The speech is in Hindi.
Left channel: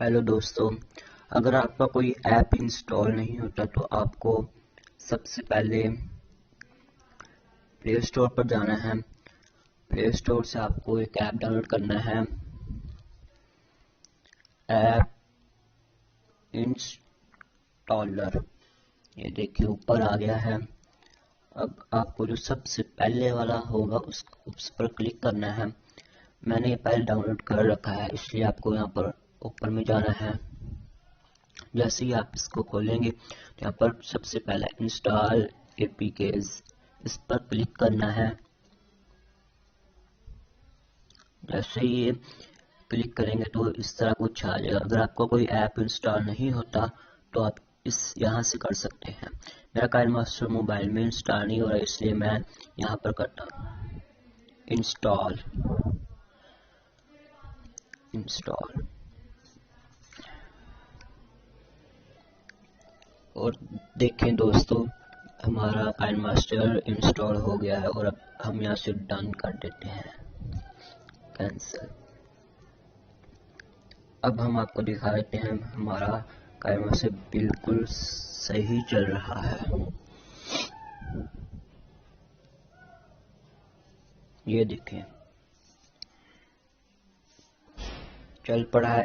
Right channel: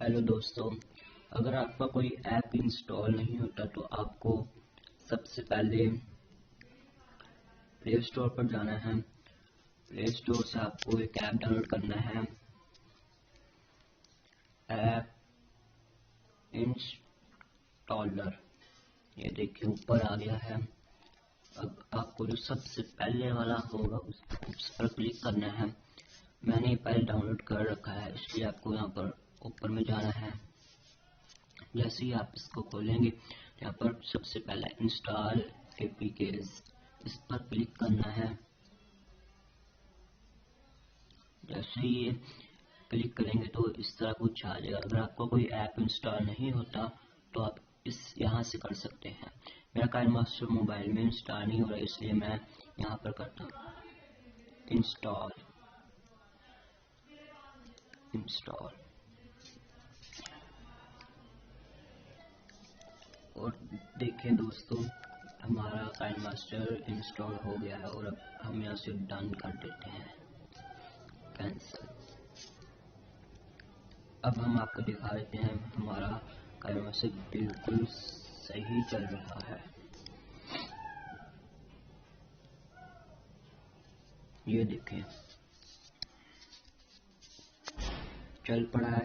हेलो दोस्तों, अगर आपका कोई ऐप इंस्टॉल नहीं होता तो आपको सबसे पहले प्ले स्टोर पर जाना है। प्ले स्टोर से आपको एक ऐप डाउनलोड करना है, ऐप इंस्टॉलर। ये देखिए ऊपर आ गया है। अब आपको जो सबसे पहले वाला होगा उस पर क्लिक करना है। मैंने ये पहले डाउनलोड कर रखा है, इसलिए आपको यहाँ पर ऊपर में जाना है। जैसे ही आप इसको खोलेंगे तो यहाँ पर सबसे पहले इंस्टॉल एपीकेज, इस पर क्लिक करना है। जैसे ही ये क्लिक करेंगे तो इस तरह कुछ आ जाएगा। अगर आपको कोई ऐप इंस्टॉल नहीं होता तो आप इस यहाँ से कर सकते हैं। मेरा काइनमास्टर मोबाइल में इंस्टॉल नहीं हो रहा, इसलिए मैं यहाँ पर करता हूँ इंस्टॉल। और देखें दोस्तों, हमारा काइनमास्टर इंस्टॉल हो गया है और अब हम यहाँ से डन कर देते हैं, कैंसिल। अब हम आपको दिखा देते हैं हमारा काइनमास्टर बिल्कुल सही चल रहा है। ये देखें चल पड़ा है।